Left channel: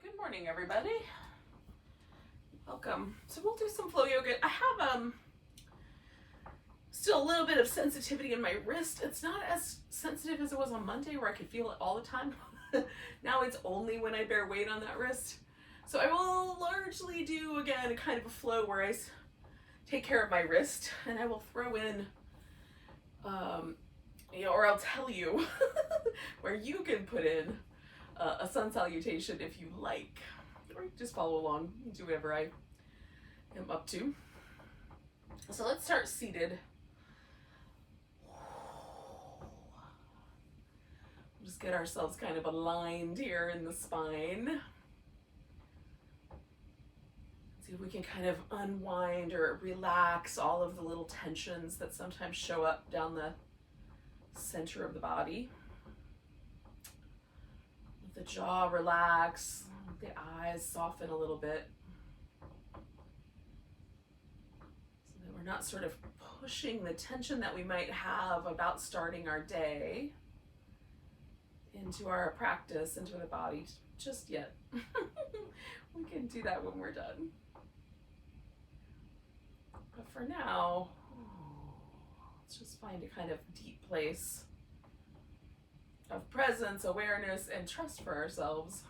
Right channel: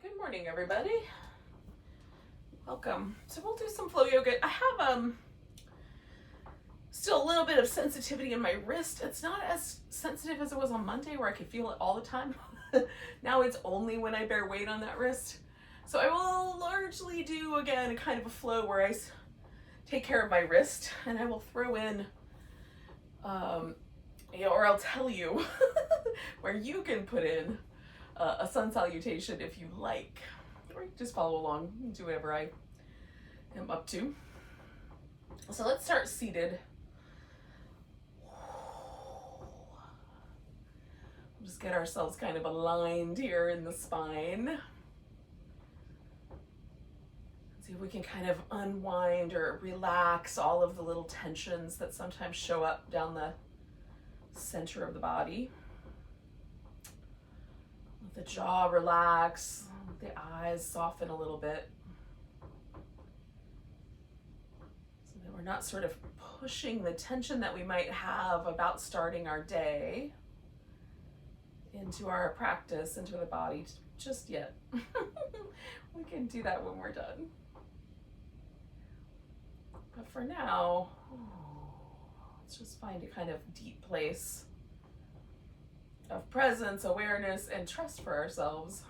Good morning, everybody. Welcome. So we'll do some flow yoga. I have still a little bit of sensitivity in my wrist. It's not as sensitive as it was on Monday where I could feel it all the time. Now it's only when I bear weight on that wrist. So I will largely do, again, a kind of a flow where I take care of my wrist, and I will throw in, or I'll tell you where you can put in a sun salutation if you like, or you just follow along and do whatever I am up to. So let's start seated. We'll just get ourselves kind of aligned here in the spine. See if we can kind of unwind or relax all of the little tensions that sometimes show up down the center of the body. Let the jaw relax, let the eyes soften a little bit, so that we're not sort of pushing the tension that we might have about starting our day into our practice, into the body just yet. We can do that when we're done. But for now, let's just find a kind of deep place of presence, awareness, and trust for ourselves.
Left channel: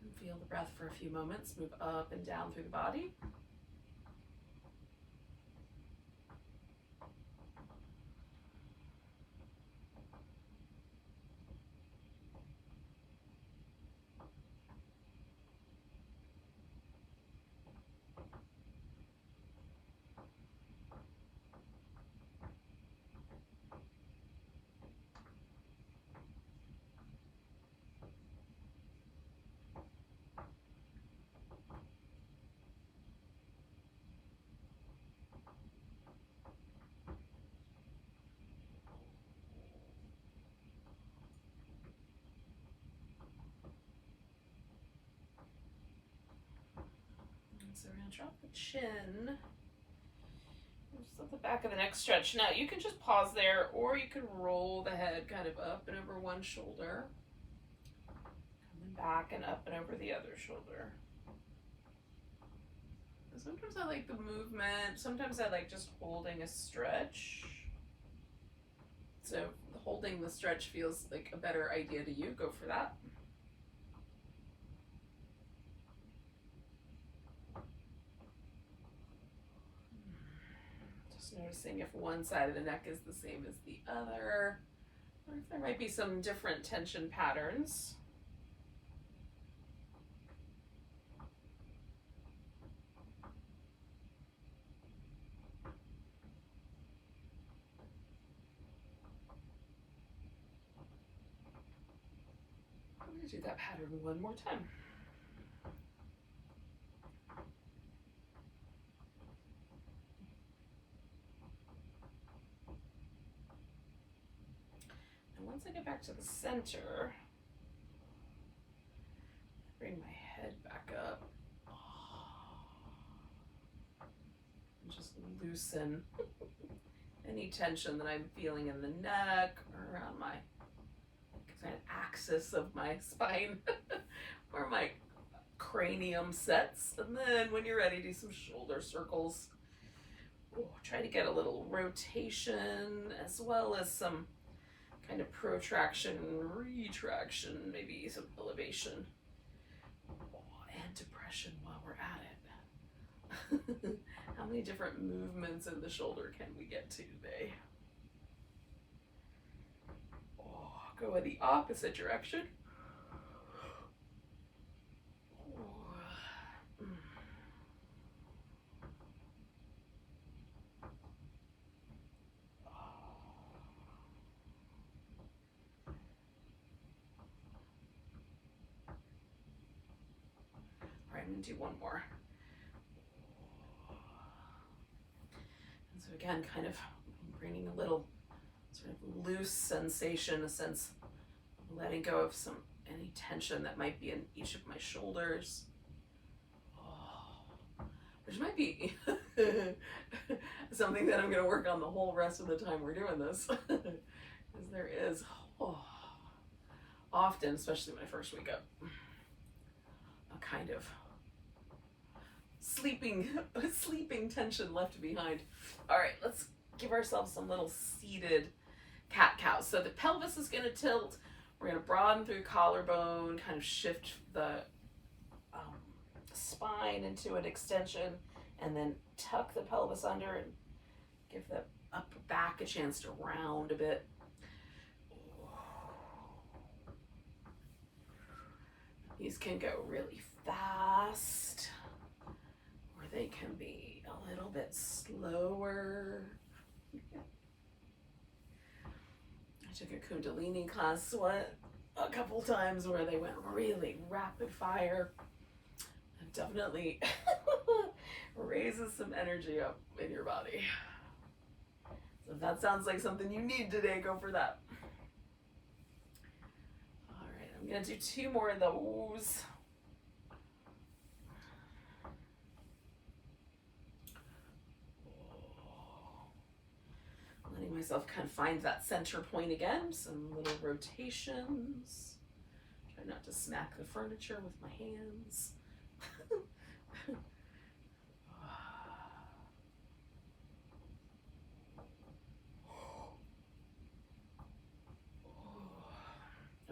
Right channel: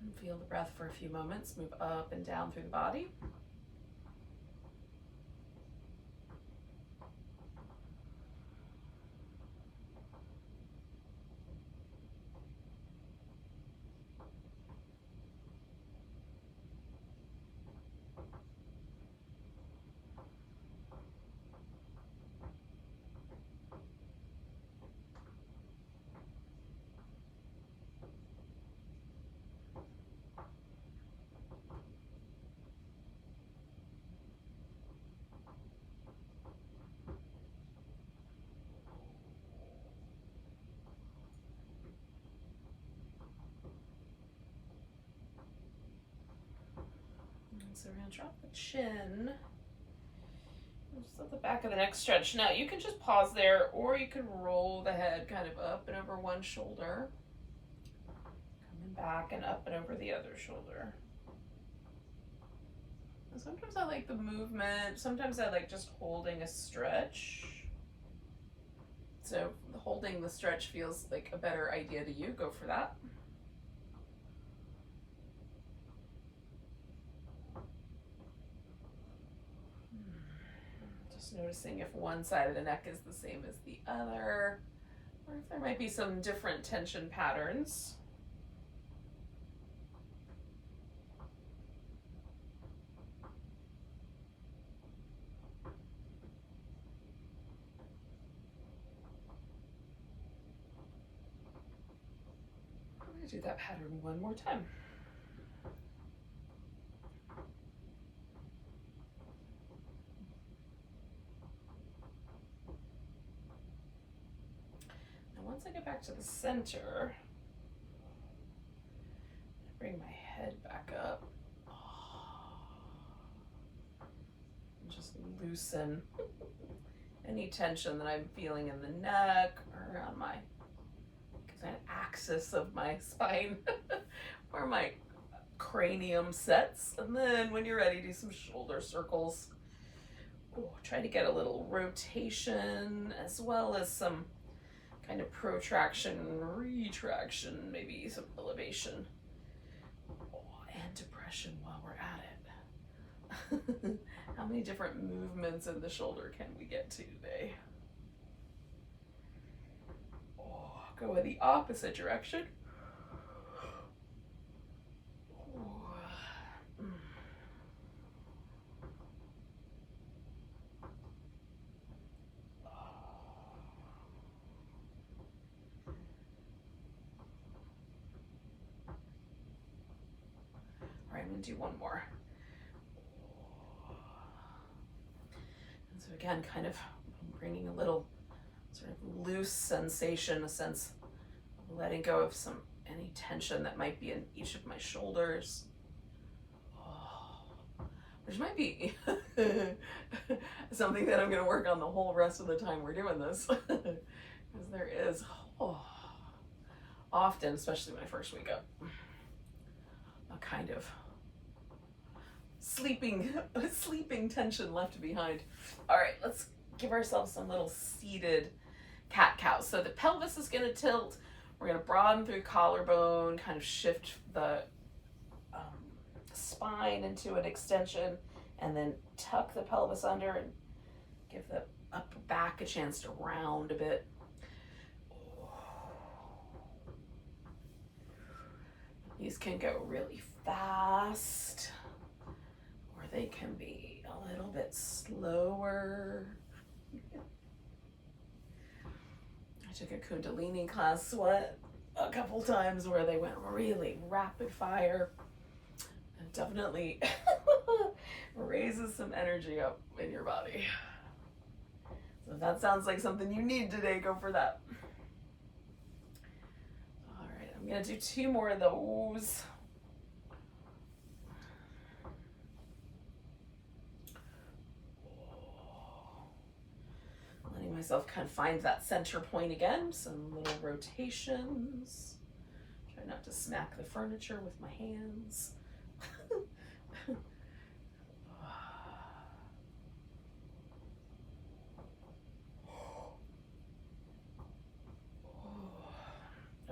And feel the breath for a few moments, move up and down through the body. So we're going to drop the chin. Just let the back of the neck stretch. Now you can just pause there, or you can roll the head kind of up and over one shoulder. Coming back and up and over the other shoulder. And sometimes I like the movement. Sometimes I like just holding a stretch. So holding the stretch feels like a better idea to you. Go for that. Noticing if one side of the neck is the same as the other, or if there might be some different tension patterns. I'm going to do that pattern one more time. Once I get back to the center, bring my head back up and just loosen any tension that I'm feeling in the neck or around my kind of axis of my spine where my cranium sets. And then when you're ready, do some shoulder circles. Try to get a little rotation as well as some kind of protraction, retraction, maybe some elevation, and depression while we're at it. How many different movements in the shoulder can we get to today? Go in the opposite direction. I'm going to do one more. And so again, kind of bringing a little sort of loose sensation, a sense of letting go of some any tension that might be in each of my shoulders. Oh, which might be something that I'm going to work on the whole rest of the time we're doing this. Because there is often, especially my first week up, a kind of sleeping tension left behind. All right, let's give ourselves some little seated cat-cows. So the pelvis is going to tilt. We're going to broaden through collarbone, kind of shift the spine into an extension, and then tuck the pelvis under and give the upper back a chance to round a bit. These can go really fast, or they can be a little bit slower. I took a Kundalini class a couple times where they went really rapid fire. It definitely raises some energy up in your body. So if that sounds like something you need today, go for that. All right, I'm gonna do 2 more of those. Letting myself kind of find that center point again. Some little rotations. Try not to smack the furniture with my hands.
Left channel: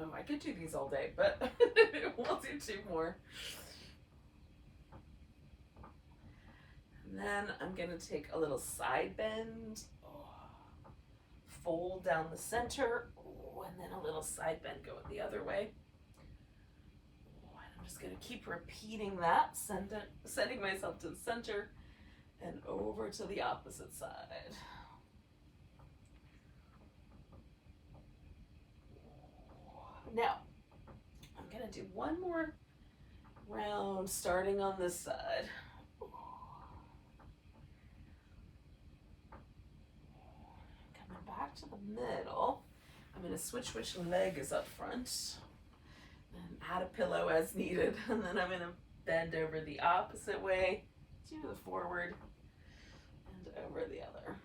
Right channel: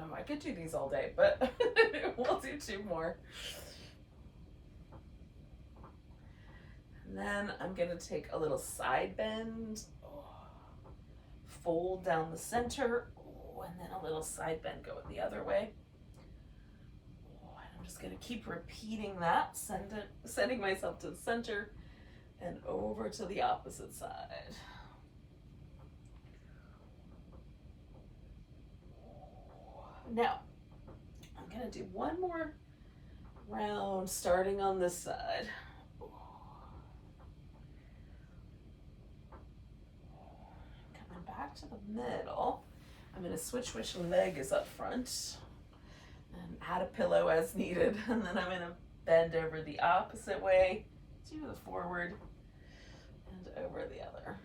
Oh, I could do these all day, but we'll do 2 more. And then I'm gonna take a little side bend, fold down the center, and then a little side bend going the other way. And I'm just gonna keep repeating that, sending myself to the center and over to the opposite side. Now, I'm gonna do 1 more round starting on this side. Coming back to the middle. I'm gonna switch which leg is up front and add a pillow as needed. And then I'm gonna bend over the opposite way to the forward and over the other.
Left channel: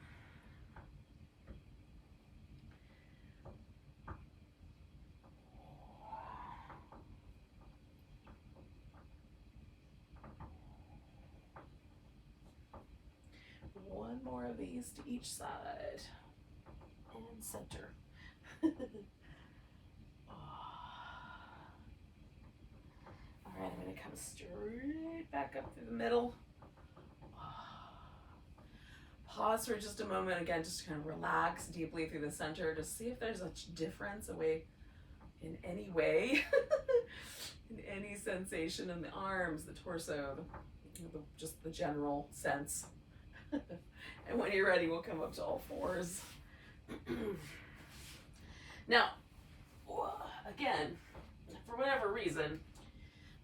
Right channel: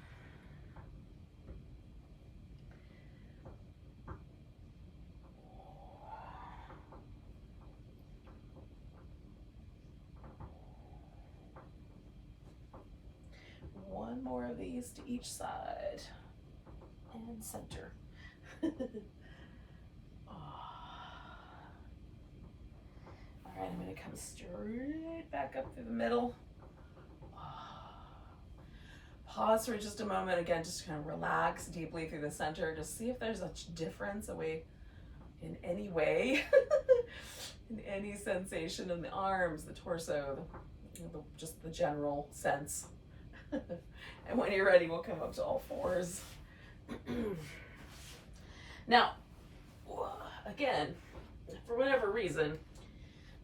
One more of these to each side and center. All right, I'm going to come straight back up through the middle. Pause for just a moment. Again, just kind of relax deeply through the center. Just see if there's a difference in any way, in any sensation in the arms, the torso, just the general sense. And when you're ready, we'll come up to all 4s. Now, again, for whatever reason,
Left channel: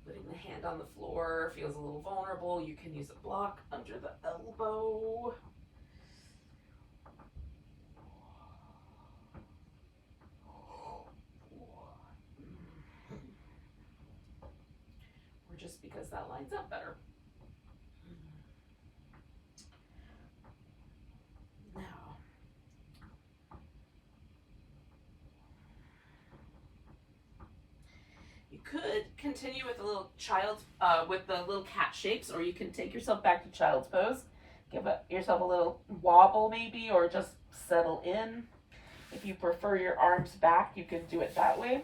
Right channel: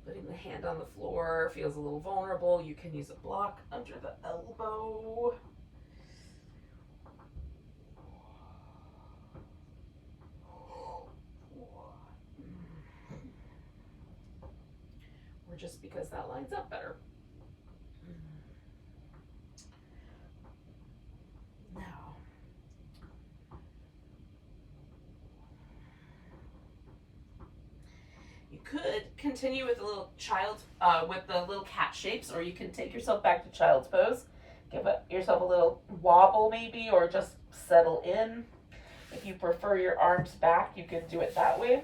putting the hand on the floor feels a little vulnerable. You can use a block under the elbow. Or just because that lines up better. Could continue with the little with the little cat shapes, or you can take yourself back to child's pose. Give yourself a little wobble maybe, or just settle in. If you prefer your arms back, you can do it that way.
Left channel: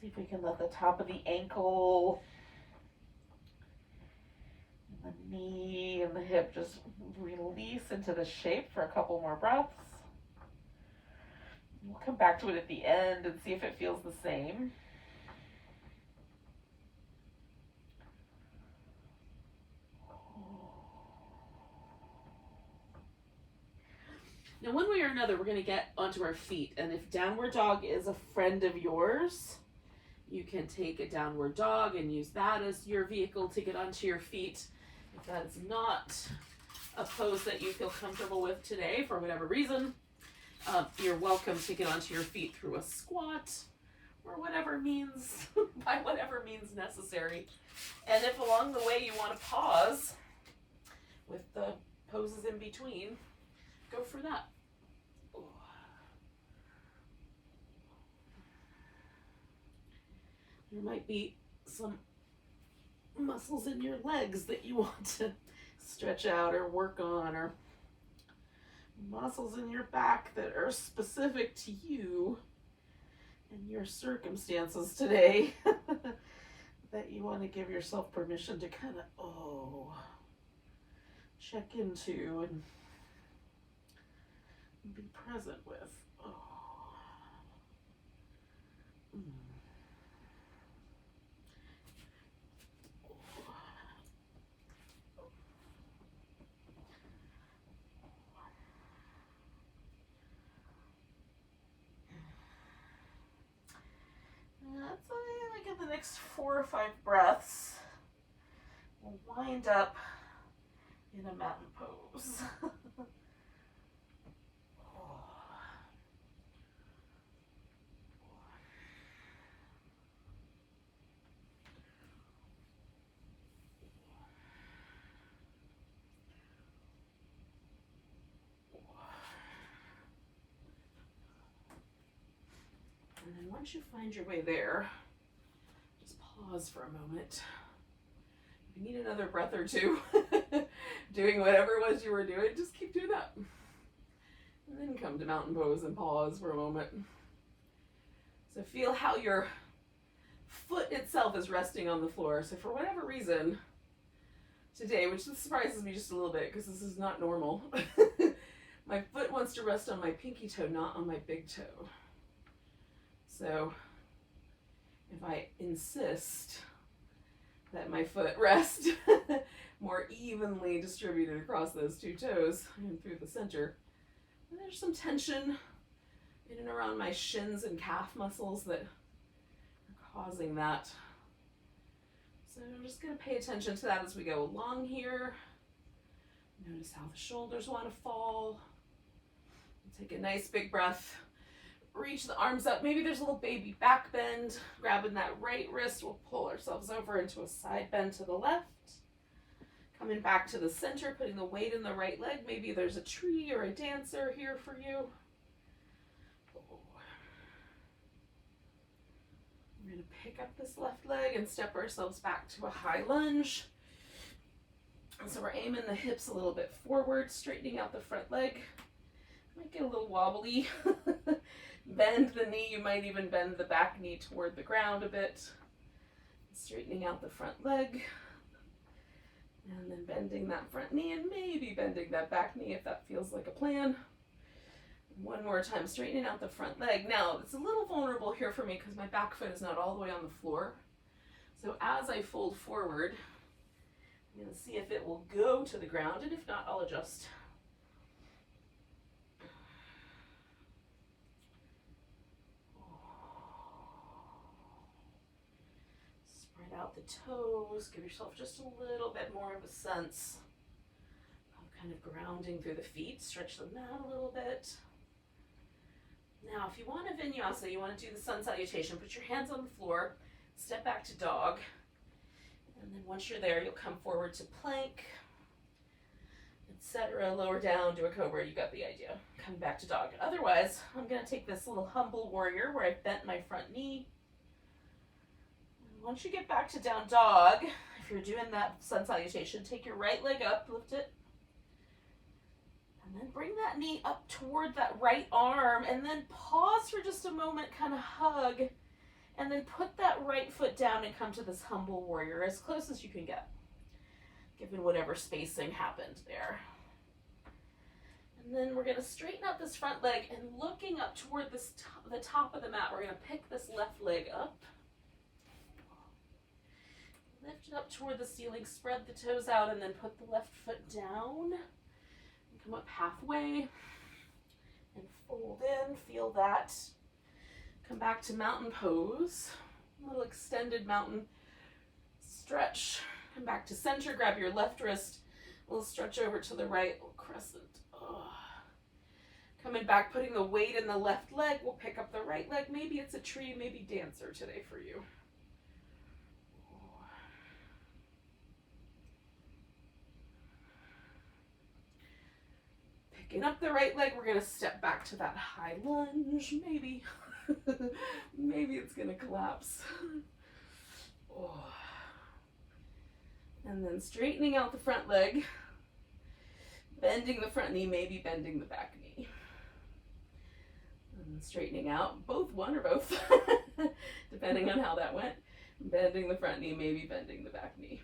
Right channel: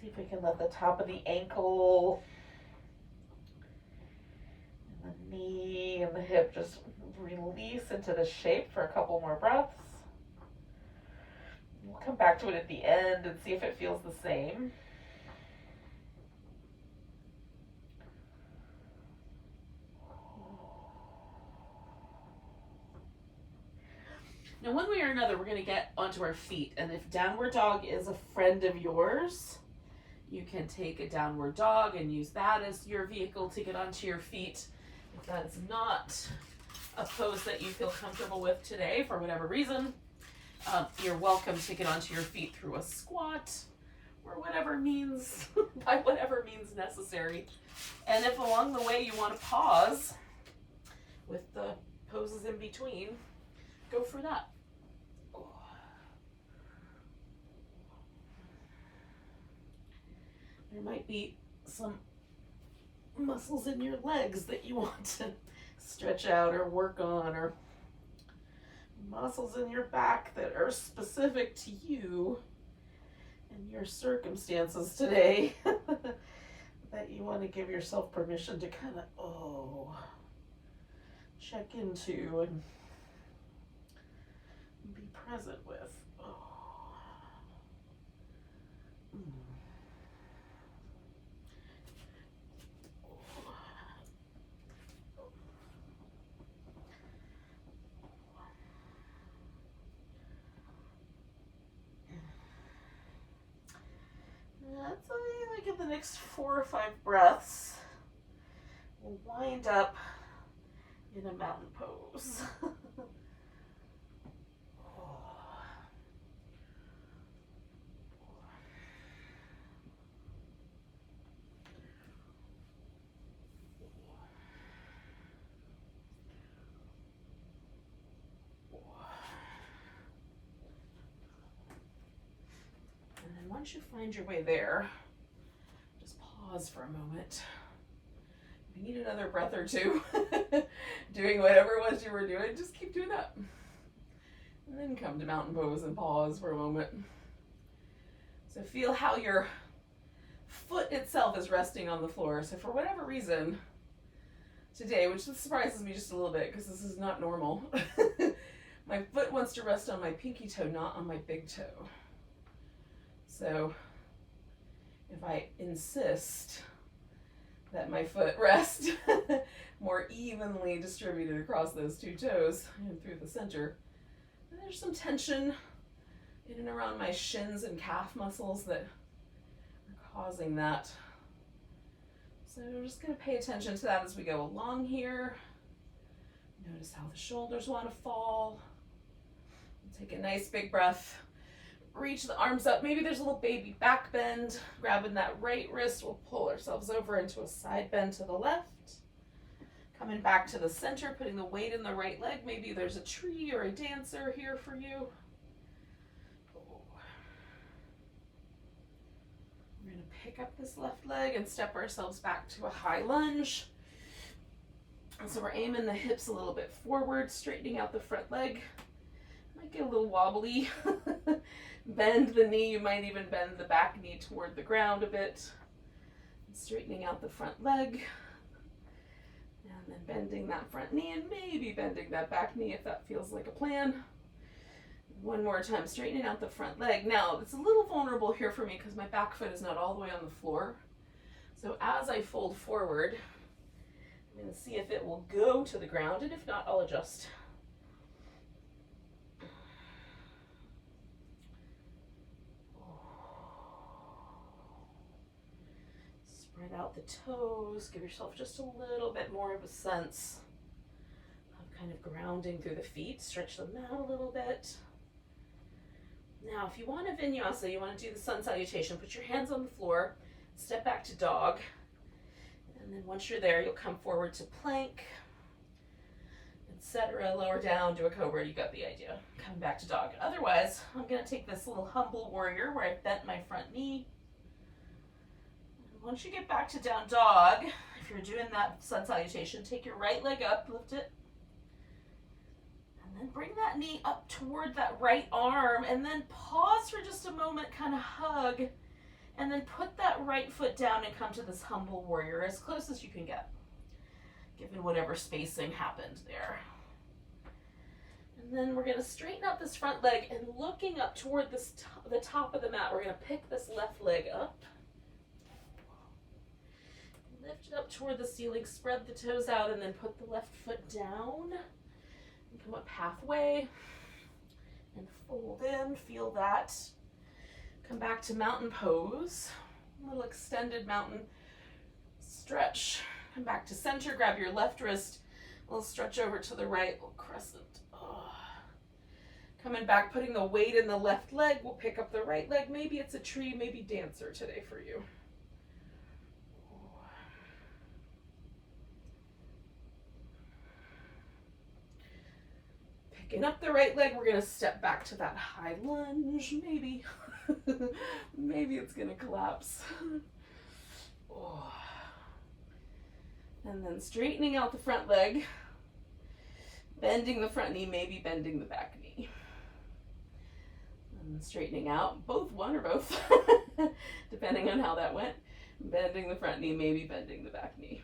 See if we can let the top of the ankle and the knee and the hip just release into the shape for a couple more breaths. We'll come back to it at the end and see if it feels the same. Now, one way or another, we're going to get onto our feet, and if downward dog is a friend of yours, You can take a downward dog and use that as your vehicle to get onto your feet. If that is not a pose that you feel comfortable with today for whatever reason, you're welcome to get onto your feet through a squat or whatever means, by whatever means necessary. And if along the way you want to pause with the poses in between, go for that. There might be some muscles in your legs that you want to stretch out or work on, or muscles in your back that are specific to you and your circumstances today that you want to give yourself permission to kind of check into and be present with. That's I think in the next 4 or 5 breaths, we'll wind up in a mountain pose. And then once you find your way there, just pause for a moment. If you need another breath or two, doing whatever it was you were doing, just keep doing that. And then come to mountain pose and pause for a moment. So feel how your foot itself is resting on the floor. So for whatever reason, today, which surprises me just a little bit because this is not normal, my foot wants to rest on my pinky toe, not on my big toe. So if I insist that my foot rest more evenly distributed across those 2 toes and through the center, and there's some tension in and around my shins and calf muscles that are causing that. So we're just going to pay attention to that as we go along here. Notice how the shoulders want to fall. Take a nice big breath. Reach the arms up. Maybe there's a little baby back bend. Grabbing that right wrist, we'll pull ourselves over into a side bend to the left. Coming back to the center, putting the weight in the right leg. Maybe there's a tree or a dancer here for you. We're going to pick up this left leg and step ourselves back to a high lunge. And so we're aiming the hips a little bit forward, straightening out the front leg. Might get a little wobbly. Bend the knee. You might even bend the back knee toward the ground a bit. Straightening out the front leg. And then bending that front knee and maybe bending that back knee if that feels like a plan. One more time, straightening out the front leg. Now, it's a little vulnerable here for me because my back foot is not all the way on the floor. So as I fold forward, I'm going to see if it will go to the ground, and if not, I'll adjust. Spread out the toes. Give yourself just a little bit more of a sense of kind of grounding through the feet. Stretch them out a little bit. Now, if you want a vinyasa, you want to do the sun salutation, put your hands on the floor, step back to dog, and then once you're there, you'll come forward to plank, etc. Lower down, do a cobra, you got the idea. Coming back to dog. Otherwise, I'm going to take this little humble warrior where I've bent my front knee. Once you get back to down dog, if you're doing that sun salutation, take your right leg up, lift it, and then bring that knee up toward that right arm, and then pause for just a moment, kind of hug, and then put that right foot down and come to this humble warrior as close as you can get, given whatever spacing happened there. And then we're going to straighten out this front leg, and looking up toward this the top of the mat, we're going to pick this left leg up. Lift it up toward the ceiling, spread the toes out, and then put the left foot down. And come up halfway and fold in, feel that. Come back to mountain pose. A little extended mountain stretch. Come back to center, grab your left wrist, a little stretch over to the right, little crescent. Oh. Coming back, putting the weight in the left leg, we'll pick up the right leg. Maybe it's a tree, maybe dancer today for you. Picking up the right leg, we're gonna step back to that high lunge, maybe. Maybe it's gonna collapse. Oh. And then straightening out the front leg, bending the front knee, maybe bending the back knee. And straightening out, both, one or both, depending on how that went. Bending the front knee, maybe bending the back knee.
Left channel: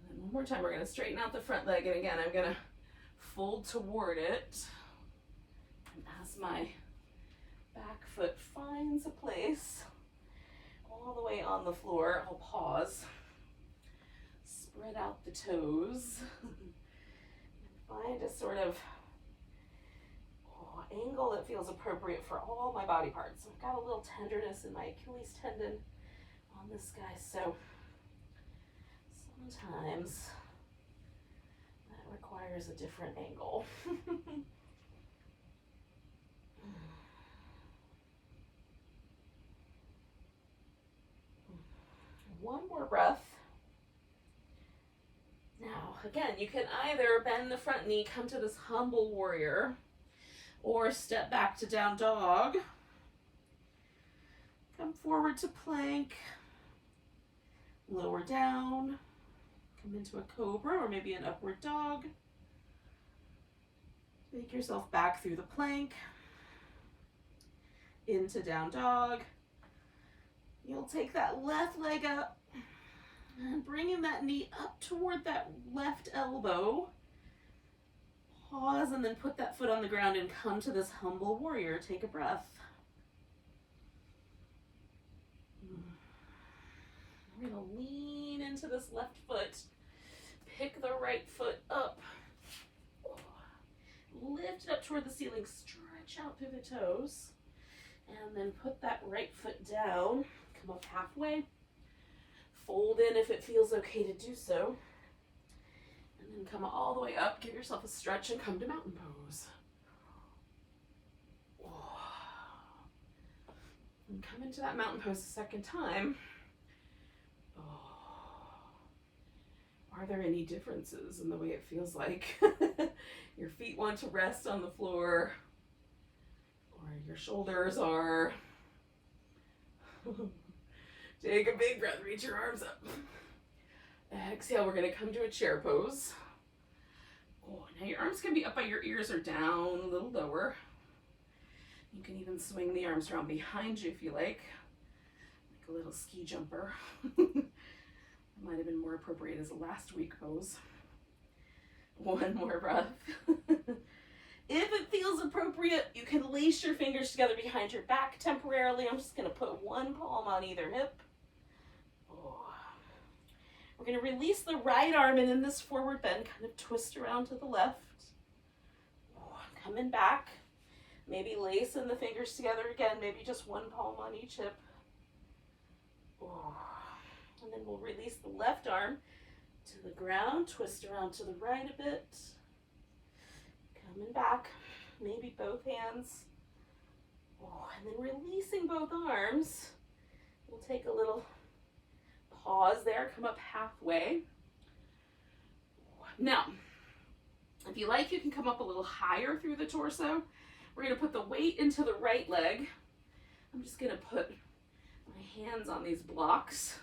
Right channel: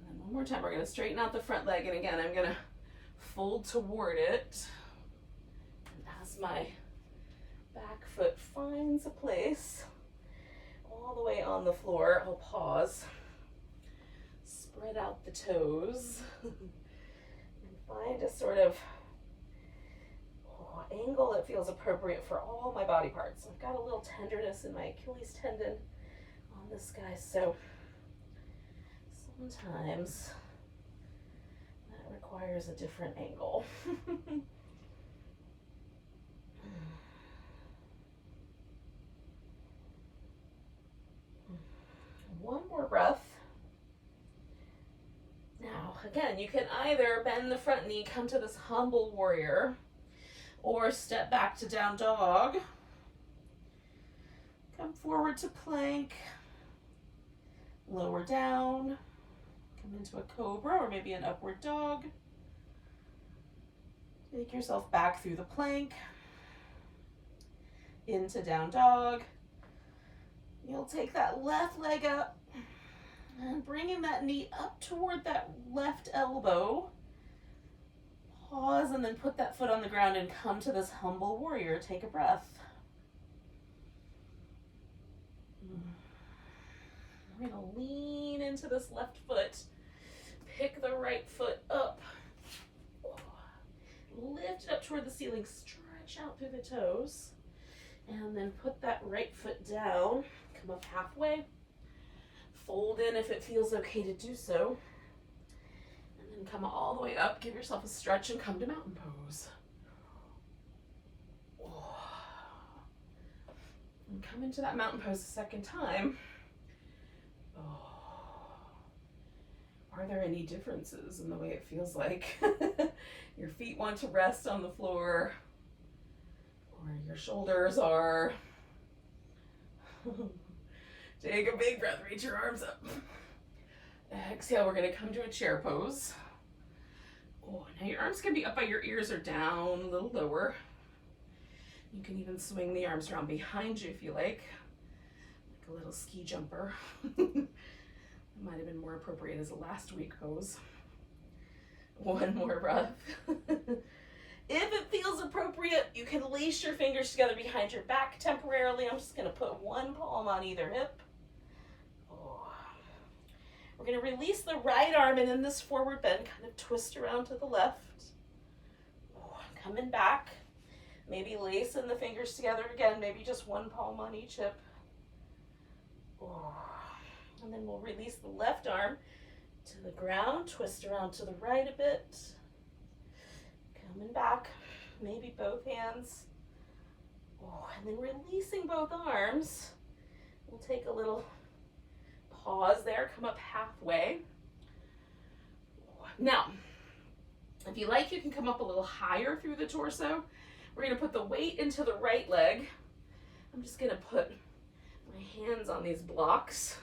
And then one more time, we're gonna straighten out the front leg, and again, I'm gonna fold toward it. And as my back foot finds a place all the way on the floor, I'll pause, spread out the toes, and find a sort of angle that feels appropriate for all my body parts. I've got a little tenderness in my Achilles tendon on this guy, so sometimes that requires a different angle. One more breath. Now, again, you can either bend the front knee, come to this humble warrior, or step back to down dog. Come forward to plank, lower down, come into a cobra or maybe an upward dog. Take yourself back through the plank, into down dog. You'll take that left leg up and bringing that knee up toward that left elbow. Pause and then put that foot on the ground and come to this humble warrior. Take a breath. We're going to lean into this left foot. Pick the right foot up. Lift it up toward the ceiling. Stretch out through the toes. And then put that right foot down. Come up halfway. Fold in if it feels okay to do so. And then come all the way up. Give yourself a stretch and come to mountain pose. And come into that mountain pose a second time. Are there any differences in the way it feels like your feet want to rest on the floor, or your shoulders are? Take a big breath, reach your arms up. Exhale, we're gonna come to a chair pose. Oh, now your arms can be up by your ears or down a little lower. You can even swing the arms around behind you if you like a little ski jumper. Might have been more appropriate as a last week pose. One more breath. If it feels appropriate, you can lace your fingers together behind your back temporarily. I'm just gonna put one palm on either hip. We're gonna release the right arm and in this forward bend, kind of twist around to the left. Coming back, maybe lacing the fingers together again, maybe just one palm on each hip. And then we'll release the left arm to the ground, twist around to the right a bit. Coming back, maybe both hands. And then releasing both arms. We'll take a little pause there, come up halfway. Now, if you like, you can come up a little higher through the torso. We're gonna put the weight into the right leg. I'm just gonna put my hands on these blocks.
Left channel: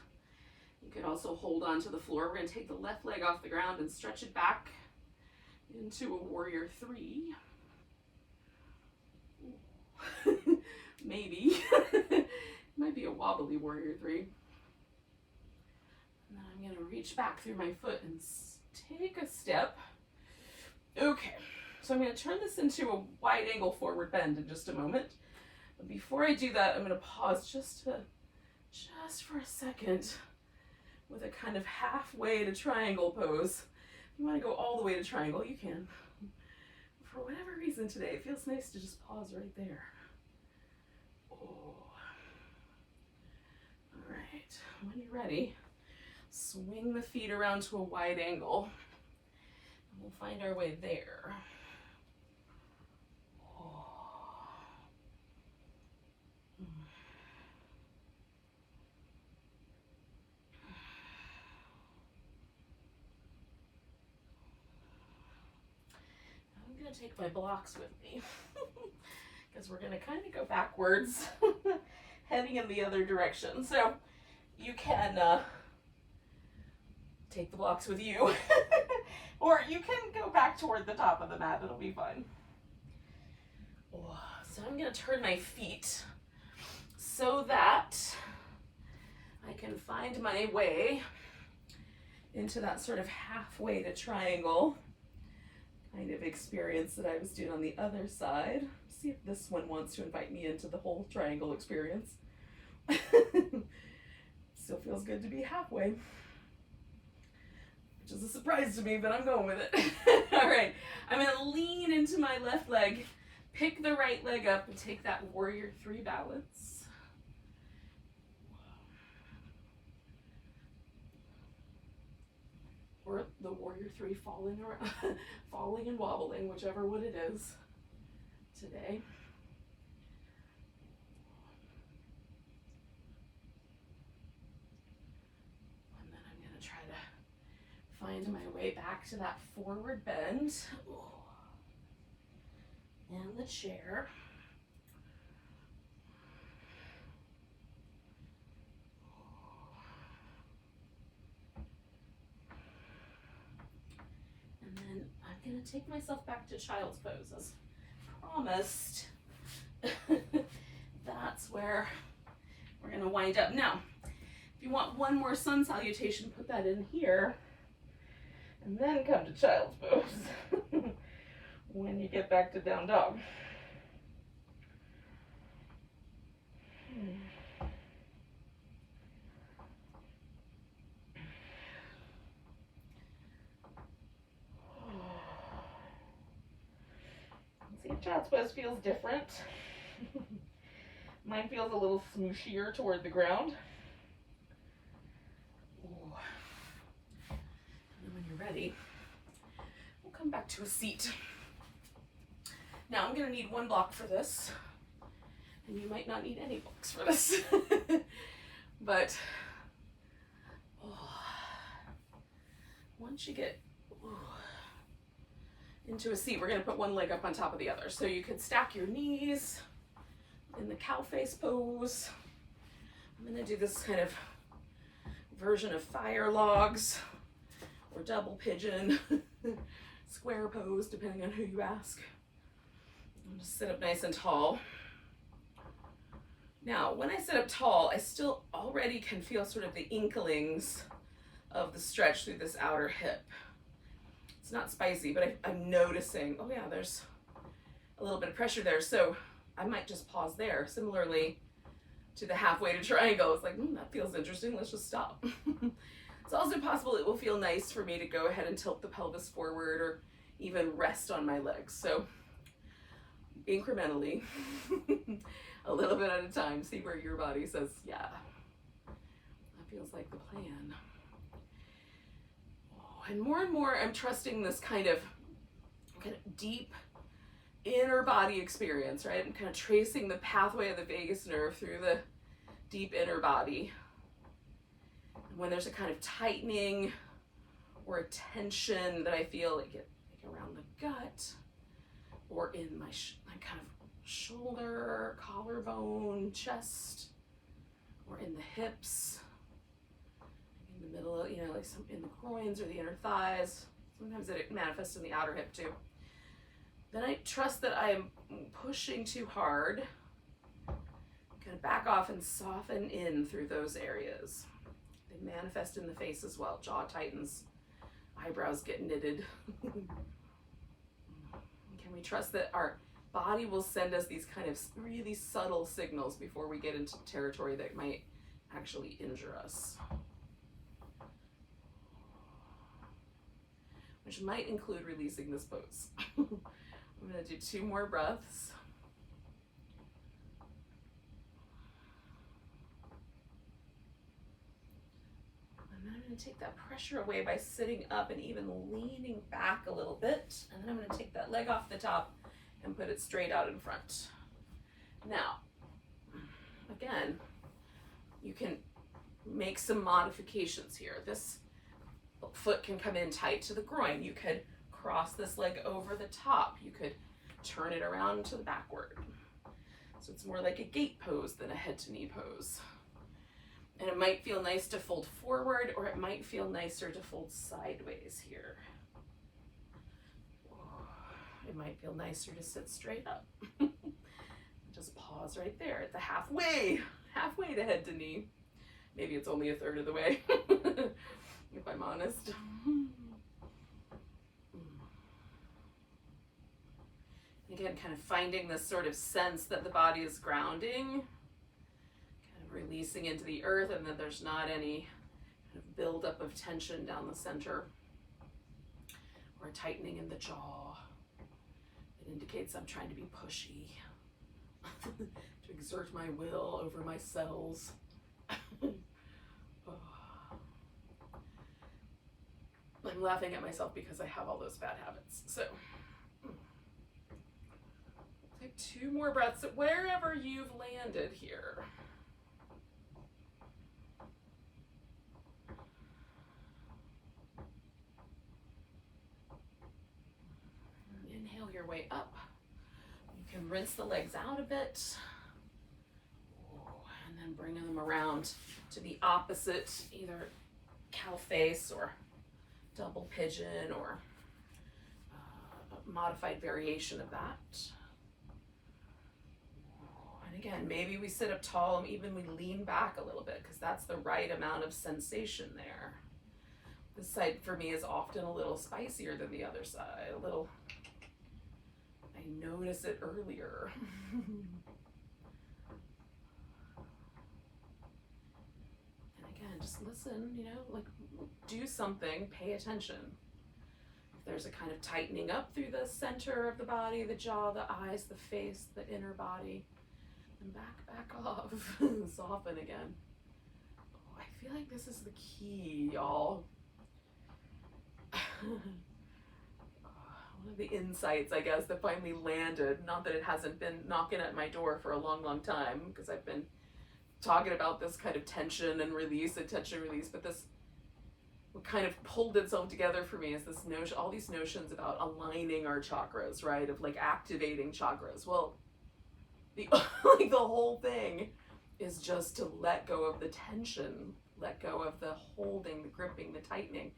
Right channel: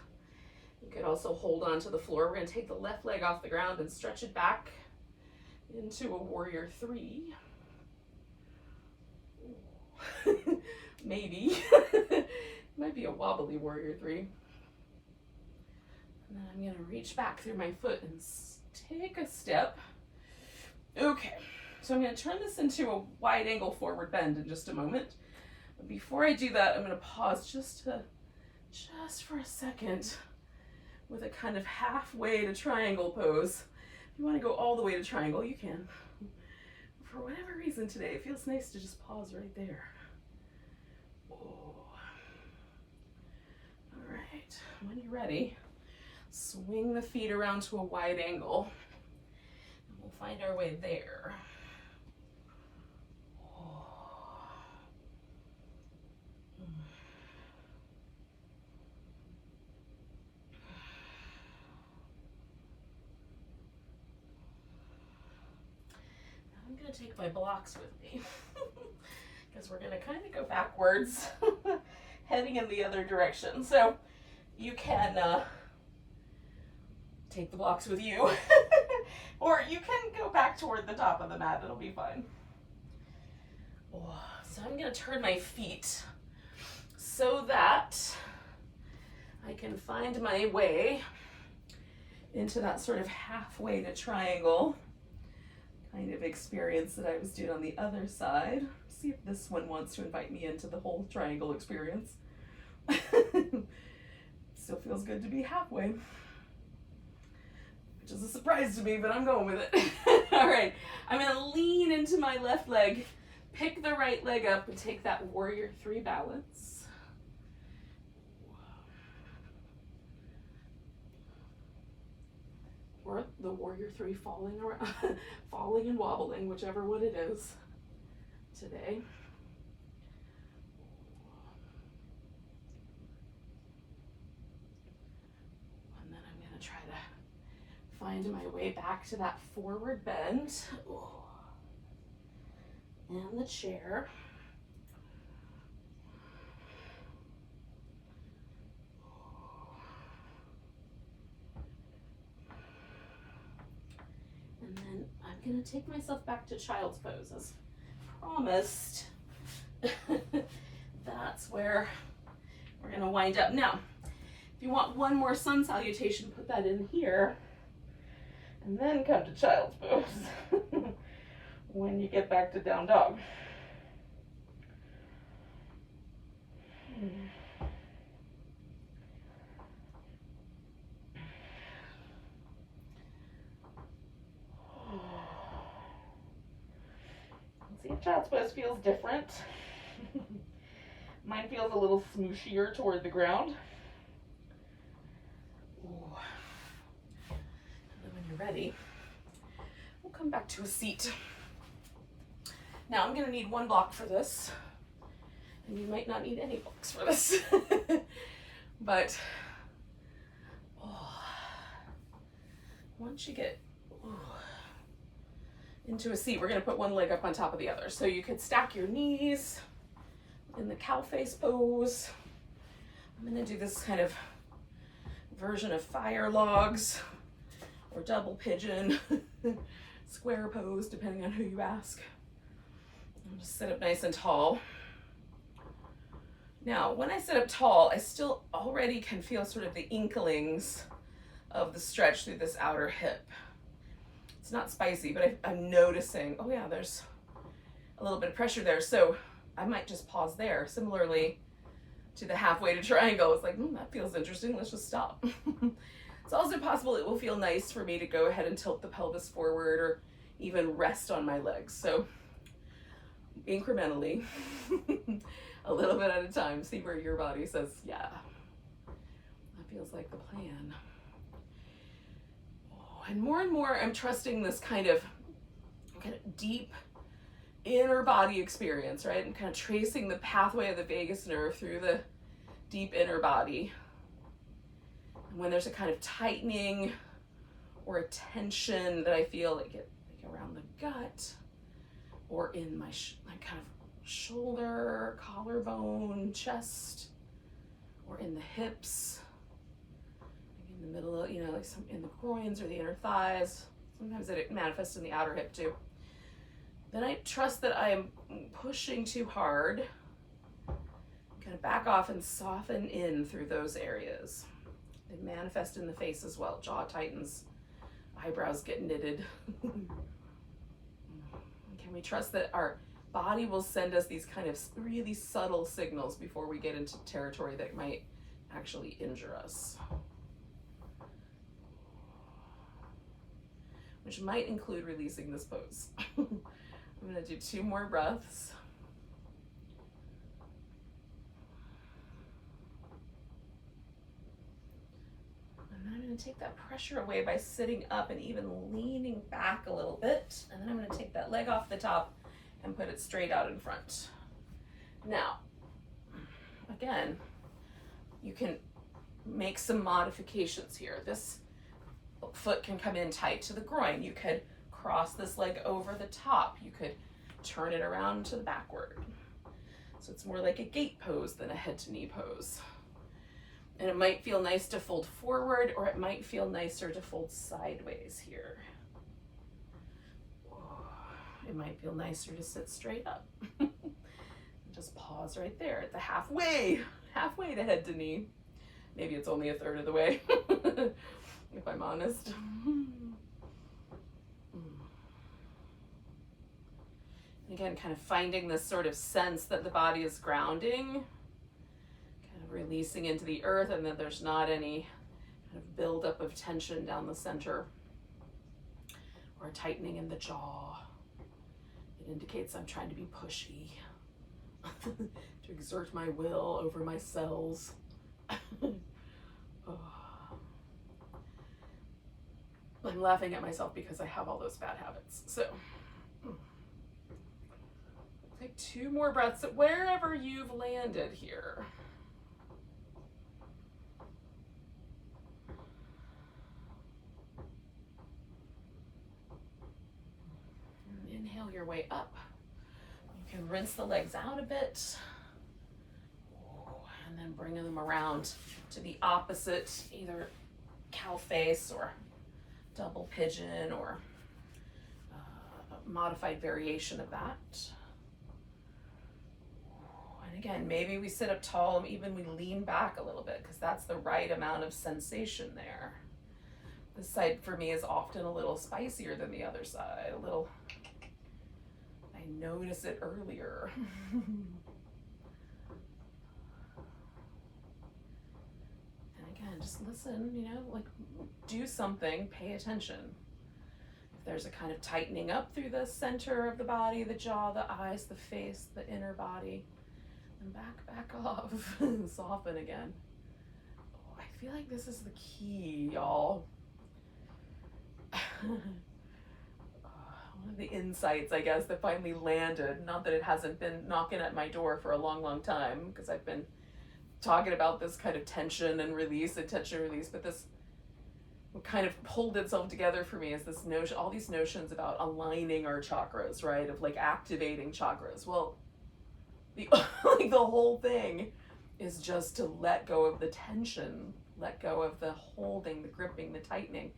You can also hold on to the floor. We're going to take the left leg off the ground and stretch it back into a warrior 3. Maybe. Might be a wobbly warrior 3. And then I'm going to reach back through my foot and take a step. Okay, so I'm going to turn this into a wide angle forward bend in just a moment. But before I do that, I'm going to pause just for a second with a kind of halfway to triangle pose. If you want to go all the way to triangle, you can. For whatever reason today, it feels nice to just pause right there. When you're ready, swing the feet around to a wide angle. And we'll find our way there. I'm going to take my blocks with me because we're going to kind of go backwards, heading in the other direction. So you can take the blocks with you, or you can go back toward the top of the mat. It'll be fine. So I'm going to turn my feet so that I can find my way into that sort of halfway to triangle kind of experience that I was doing on the other side. See if this one wants to invite me into the whole triangle experience. Still feels good to be halfway, which is a surprise to me, but I'm going with it. All right, I'm gonna lean into my left leg, pick the right leg up, and take that warrior 3 balance. Or the warrior 3 falling around, falling and wobbling, whichever one it is today. And then I'm going to try to find my way back to that forward bend and the chair. And then I'm going to take myself back to child's pose as promised. That's where we're going to wind up. Now, if you want one more sun salutation, put that in here. And then come to child's pose when you get back to down dog. See if child's pose feels different. Mine feels a little smooshier toward the ground. Ooh. And then when you're ready, we'll come back to a seat. Now I'm going to need one block for this, and you might not need any blocks for this. But once you get into a seat, we're going to put one leg up on top of the other. So you could stack your knees in the cow face pose. I'm going to do this kind of version of fire logs or double pigeon, square pose, depending on who you ask. I'll just sit up nice and tall. Now, when I sit up tall, I still already can feel sort of the inklings of the stretch through this outer hip. It's not spicy, but I'm noticing, oh yeah, there's a little bit of pressure there. So I might just pause there. Similarly to the halfway to triangle, it's like, that feels interesting. Let's just stop. It's also possible it will feel nice for me to go ahead and tilt the pelvis forward or even rest on my legs. So incrementally, a little bit at a time, see where your body says, yeah, that feels like the plan. And more I'm trusting this kind of deep inner body experience, right? I'm kind of tracing the pathway of the vagus nerve through the deep inner body. And when there's a kind of tightening or a tension that I feel like around the gut or in my kind of shoulder, collarbone, chest, or in the hips, in the middle, like some in the groins or the inner thighs. Sometimes it manifests in the outer hip too. Then I trust that I am pushing too hard. Kind of back off and soften in through those areas. They manifest in the face as well. Jaw tightens, eyebrows get knitted. Can we trust that our body will send us these kind of really subtle signals before we get into territory that might actually injure us? Which might include releasing this pose. I'm going to do 2 more breaths. take that pressure away by sitting up and even leaning back a little bit. And then I'm gonna take that leg off the top and put it straight out in front. Now, again, you can make some modifications here. This foot can come in tight to the groin. You could cross this leg over the top. You could turn it around to the backward. So it's more like a gate pose than a head to knee pose. And it might feel nice to fold forward, or it might feel nicer to fold sideways here. It might feel nicer to sit straight up. Just pause right there at the halfway to head to knee. Maybe it's only a third of the way, if I'm honest. Again, kind of finding this sort of sense that the body is grounding, kind of releasing into the earth, and that there's not any kind of buildup of tension down the center or a tightening in the jaw. It indicates I'm trying to be pushy, to exert my will over my cells. I'm laughing at myself because I have all those bad habits. So take 2 more breaths at wherever you've landed here. And inhale your way up. You can rinse the legs out a bit. And then bring them around to the opposite, either cow face or double pigeon or a modified variation of that. And again, maybe we sit up tall and even we lean back a little bit because that's the right amount of sensation there. This side for me is often a little spicier than the other side, a little, I notice it earlier. And just listen, you know, like do something, pay attention. If there's a kind of tightening up through the center of the body, the jaw, the eyes, the face, the inner body, and back off, soften again. Oh, I feel like this is the key, y'all. One of the insights, I guess, that finally landed, not that it hasn't been knocking at my door for a long time, because I've been talking about this kind of tension and release, but this, what kind of pulled itself together for me is this notion, all these notions about aligning our chakras, right? Of like activating chakras. Well, the like the whole thing is just to let go of the tension, let go of the holding, the gripping, the tightening.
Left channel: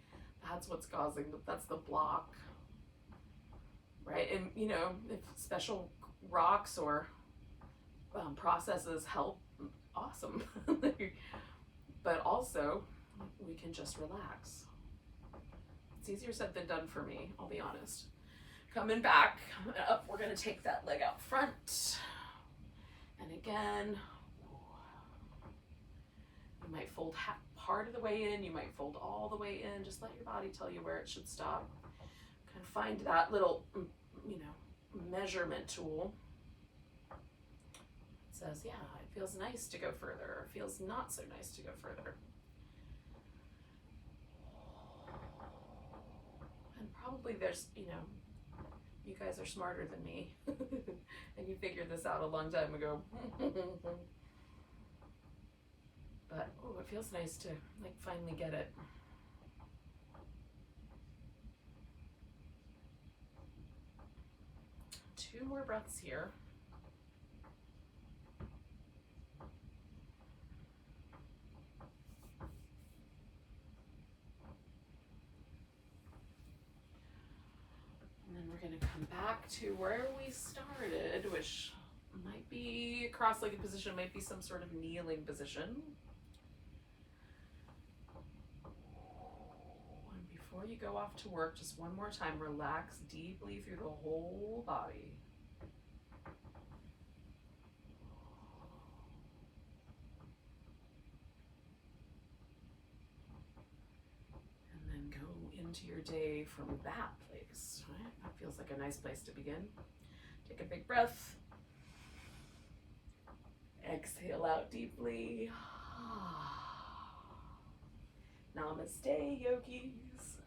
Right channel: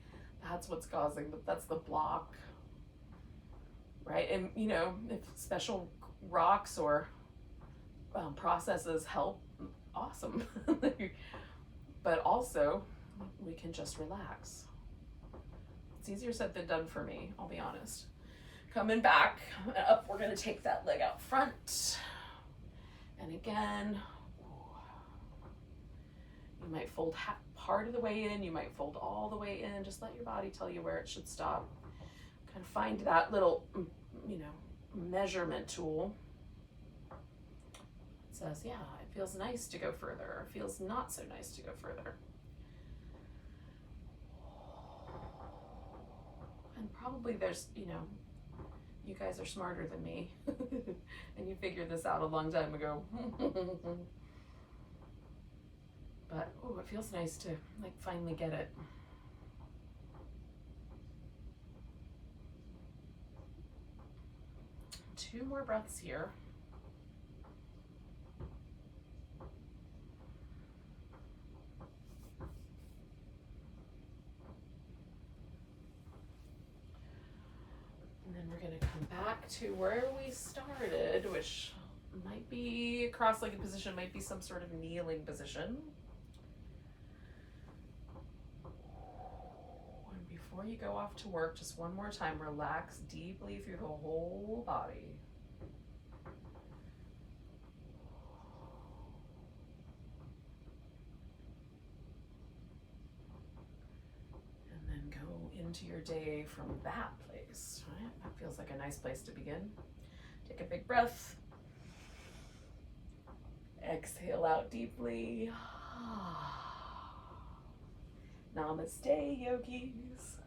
That's what's causing, that's the block, right? And you know, if special rocks or processes help, awesome. But also we can just relax. It's easier said than done for me, I'll be honest. Coming back up, we're going to take that leg out front, and again you might fold part of the way in, you might fold all the way in. Just let your body tell you where it should stop. Kind of find that little, you know, measurement tool. Says, yeah, it feels nice to go further, or it feels not so nice to go further. And probably there's, you know, you guys are smarter than me, and you figured this out a long time ago. But, oh, it feels nice to, like, finally get it. Two more breaths here. And then we're going to come back to where we started, which might be a cross-legged position, might be some sort of kneeling position. And before you go off to work, just one more time, relax deeply through the whole body. And then go into your day from that place, right? That feels like a nice place to begin. Take a big breath. Exhale out deeply. Namaste, yogis.